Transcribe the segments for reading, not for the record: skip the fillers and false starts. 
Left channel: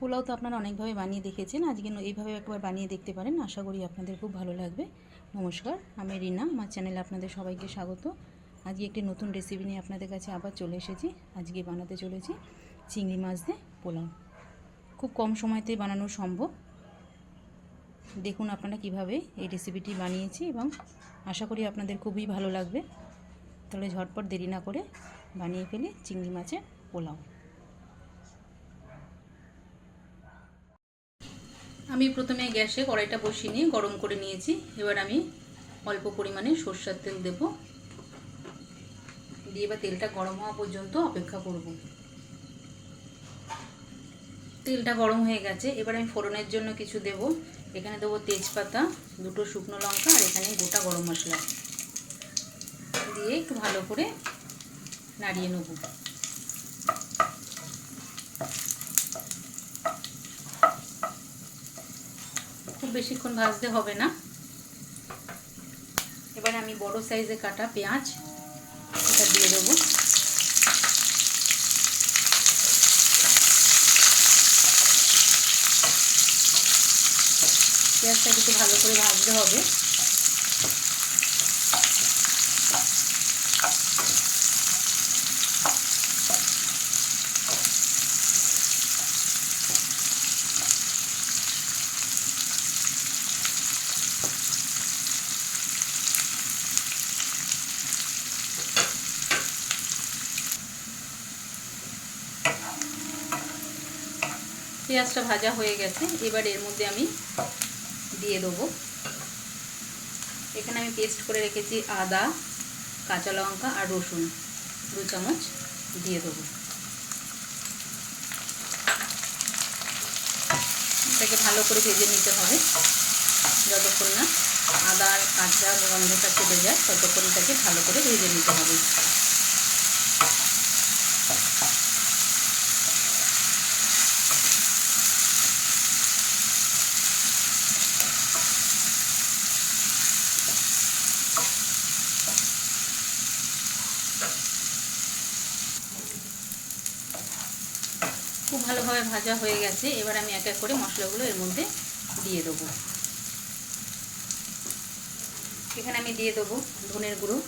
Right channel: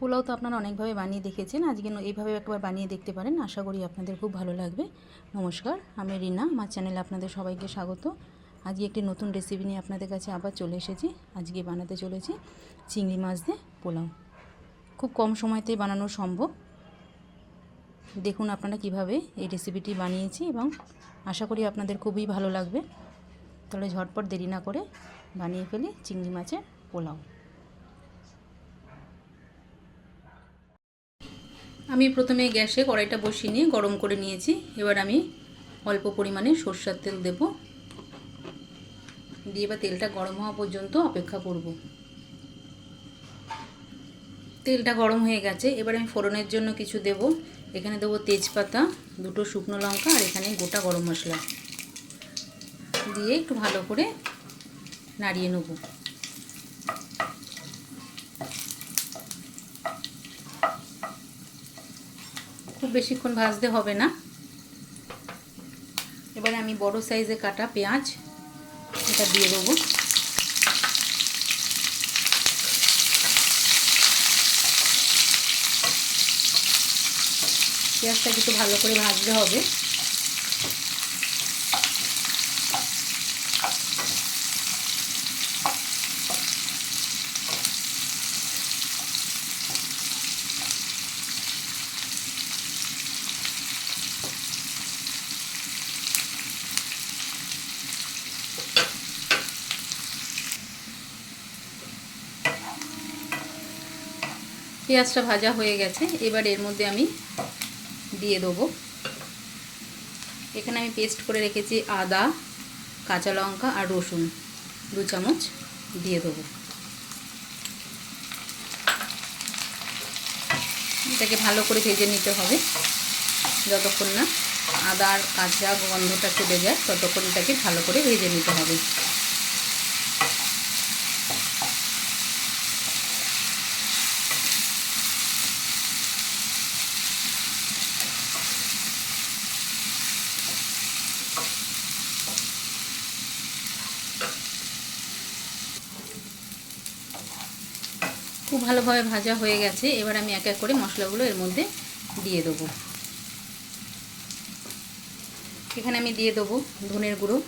পোলাও তো আপনারা অনেকভাবে বানিয়ে দেখেছেন, আজকে এইভাবে একবার বানিয়ে দেখতে পারেন। আশা করি আপনাদের খুব ভালো লাগবে। নমস্কার, আমি রিনা, আমার চ্যানেলে আপনাদের সবাইকে স্বাগত। আজকে একটি নতুন রেসিপি নিয়ে আপনাদের কাছে আবার চলে এসেছি। আজকে বানাতে চলেছি চিংড়ি মাছ দিয়ে পোলাও। খুব কম সময়তে বানানো সম্ভব। দেখুন আপনারা কিভাবে এই রেসিপিটি বানিয়েছি এবং আশা করি আপনাদের খুবই ভালো লাগবে। তাহলে ঝটপট দেরি না করে বানিয়ে ফেলি চিংড়ি মাছের পোলাও। আমি প্রথমে গ্যাসে কড়াইটা বসিয়ে নিয়ে গরম করে নিয়েছি। এবার আমি অল্প পরিমাণে সরষের তেল দেব, দিয়ে এবার তেলটা গরম হওয়া পর্যন্ত অপেক্ষা করব। তেলটা গরম হয়ে গেছে, এবার আমি ফোড়নের জন্য কিছু দেব। এখানে দেবো তেজপাতা, দুটো শুকনো লঙ্কা আর এখানে গোটা গরম মশলা দিয়ে একটু ভালো করে নাড়িয়ে নেব। খুব বেশিক্ষণ ভাজতে হবে না। এবারে আমি বড় সাইজে কাটা পেঁয়াজ এটা দিয়ে দেবো। পেঁয়াজটা একটু ভালো করে ভাজতে হবে। পেঁয়াজটা ভাজা হয়ে গেছে, এবার এর মধ্যে আমি দিয়ে দেবো, এখানে আমি পেস্ট করে রেখেছি আদা, কাঁচা লঙ্কা আর রসুন 2 চামচ দিয়ে দেবো। এটাকে ভালো করে ভেজে নিতে হবে, যতক্ষণ না আদা আর কাঁচা গন্ধটা চলে যায় ততক্ষণ এটাকে ভালো করে ভেজে নিতে হবে। খুব ভালোভাবে ভাজা হয়ে গেছে, এবার আমি এক এক করে মশলাগুলো এর মধ্যে দিয়ে দেবো। এখানে আমি দিয়ে দেবো ধনের গুঁড়ো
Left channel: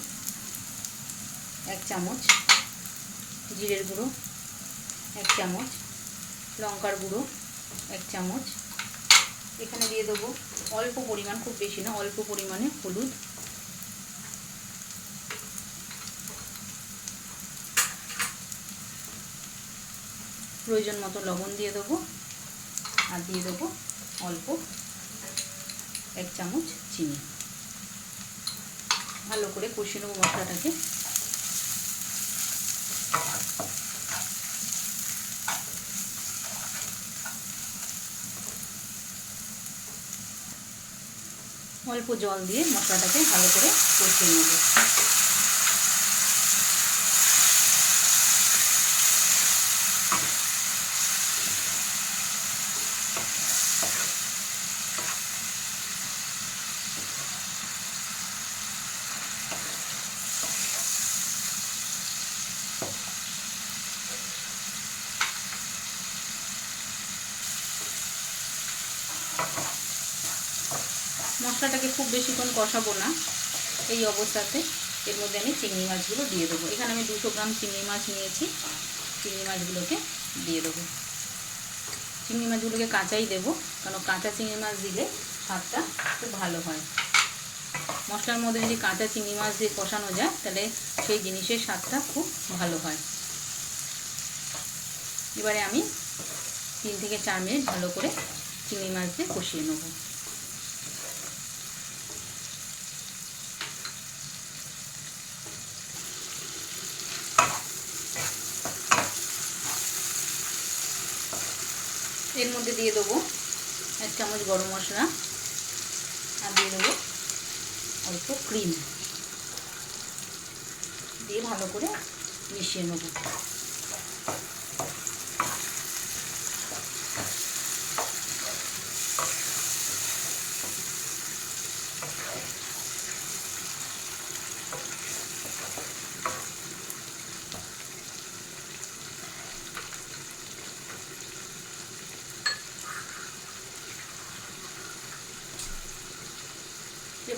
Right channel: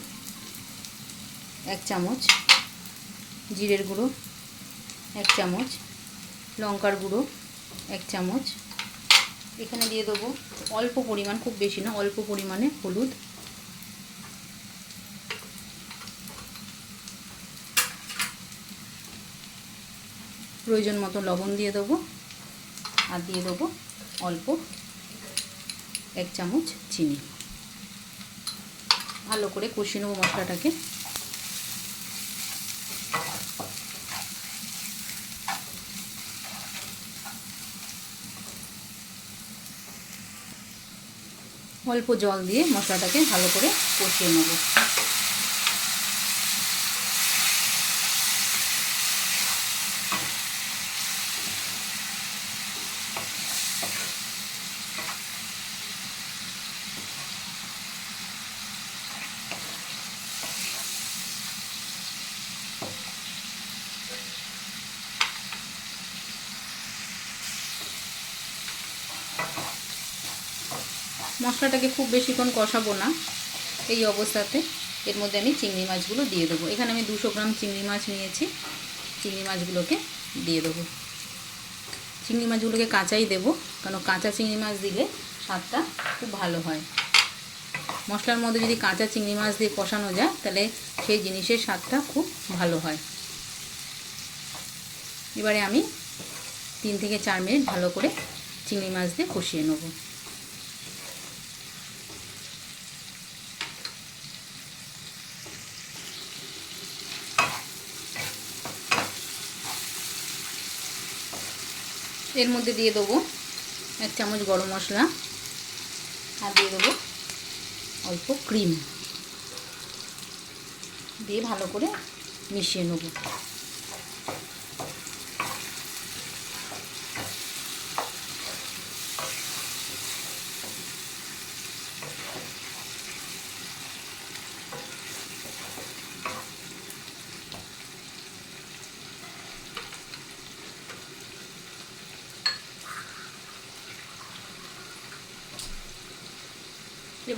1 চামচ, জিরের গুঁড়ো 1 চামচ, লঙ্কার গুঁড়ো 1 চামচ। এখানে দিয়ে দেবো অল্প পরিমাণ, খুব বেশি না, অল্প পরিমাণে হলুদ, প্রয়োজন মতো লবণ দিয়ে দেবো, আর দিয়ে দেবো অল্প 1 চামচ চিনি। ভালো করে কষিয়ে নেবো মশলাটাকে। অল্প জল দিয়ে মশলাটাকে ভালো করে কষিয়ে নেব। মশলাটাকে খুব বেশিক্ষণ কষাবো না। এই অবস্থাতে এর মধ্যে আমি চিংড়ি মাছগুলো দিয়ে দেবো। এখানে আমি 200 গ্রাম চিংড়ি মাছ নিয়েছি। চিংড়ি মাছগুলোকে দিয়ে দেবো। চিংড়ি মাছগুলোকে কাঁচাই দেবো, কারণ কাঁচা চিংড়ি মাছ দিলে স্বাদটা খুব ভালো হয়। মশলার মধ্যে যদি কাঁচা চিংড়ি মাছ দিয়ে কষানো যায় তাহলে সেই জিনিসের স্বাদটা খুব ভালো হয়। এবারে আমি 3 থেকে 4 মিনিট ভালো করে চিংড়ি মাছ দিয়ে কষিয়ে নেব। এর মধ্যে দিয়ে দেবো 1 চামচ গরম মশলা আর দিয়ে দেবো অল্প ক্রিম, দিয়ে ভালো করে মিশিয়ে নেব।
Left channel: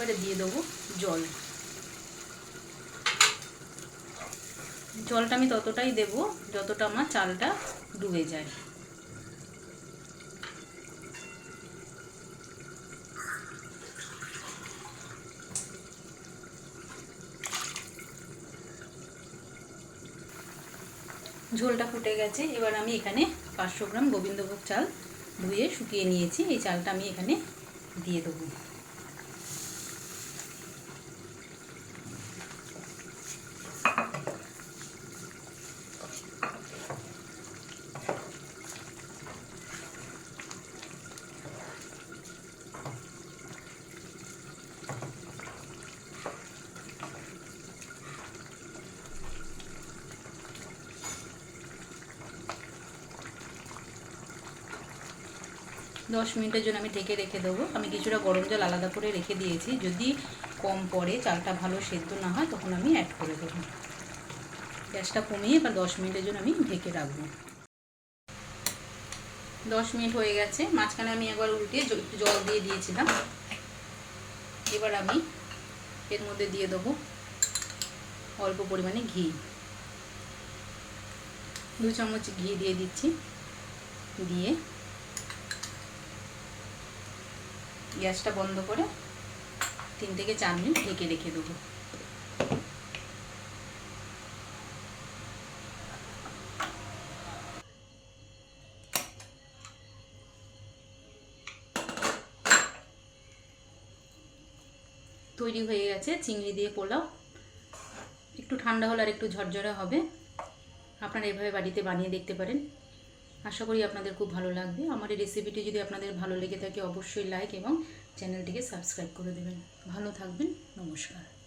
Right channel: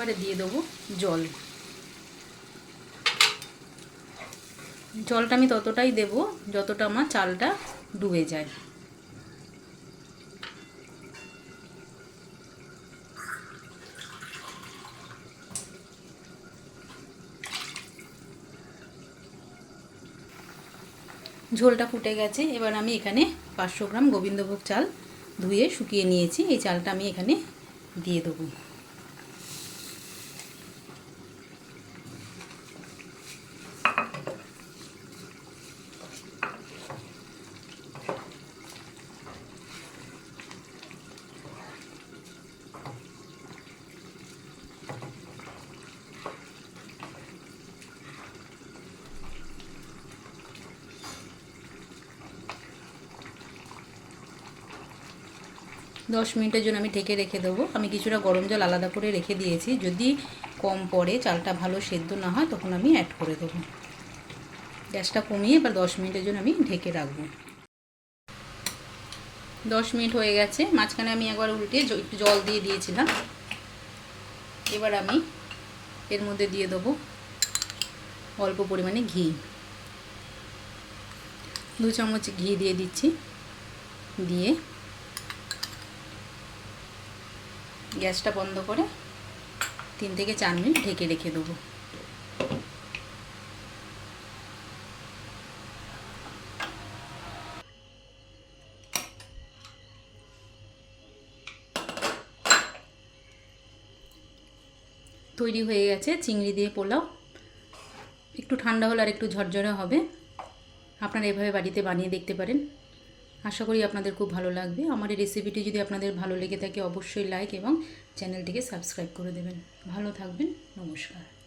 এবারে দিয়ে দেবো জল। জলটা আমি ততটাই দেব যতটা আমার চালটা ডুবে যায়। ঝোলটা ফুটে গেছে। এবার আমি এখানে 500 গ্রাম গোবিন্দভোগ চাল ধুয়ে শুকিয়ে নিয়েছি, এই চালটা আমি এখানে দিয়ে দেবো। দশ মিনিটের জন্য আমি ঢেকে রেখে দেবো। আমি কিছুটা গরম জল আলাদা করে রেখে দিয়েছি, যদি কম পড়ে, চালটা ভালো সেদ্ধ না হয়, তখন আমি অ্যাড করে দেবো। গ্যাসটা কমিয়ে এবার 10 মিনিটের জন্য আমি ঢেকে রাখবো। 10 মিনিট হয়ে গেছে। মাঝখানে আমি একবার উল্টিয়ে একটু জল দিয়ে দিয়েছিলাম। এবার আমি এর মধ্যে দিয়ে দেবো অল্প পরিমাণে ঘি। 2 চামচ ঘি দিয়ে দিচ্ছি। দিয়ে গ্যাসটা বন্ধ করে 3 থেকে 4 মিনিট ঢেকে রেখে দেবো। তৈরি হয়ে গেছে চিংড়ি দিয়ে পোলাও। একটু ঠান্ডা হলে আর একটু ঝরঝরে হবে। আপনারা এভাবে বাড়িতে বানিয়ে দেখতে পারেন। আশা করি আপনাদের খুব ভালো লাগবে। আমার এই রেসিপিটি যদি আপনাদের ভালো লেগে থাকে অবশ্যই লাইক এবং চ্যানেলটিকে সাবস্ক্রাইব করে দেবেন। ভালো থাকবেন। নমস্কার।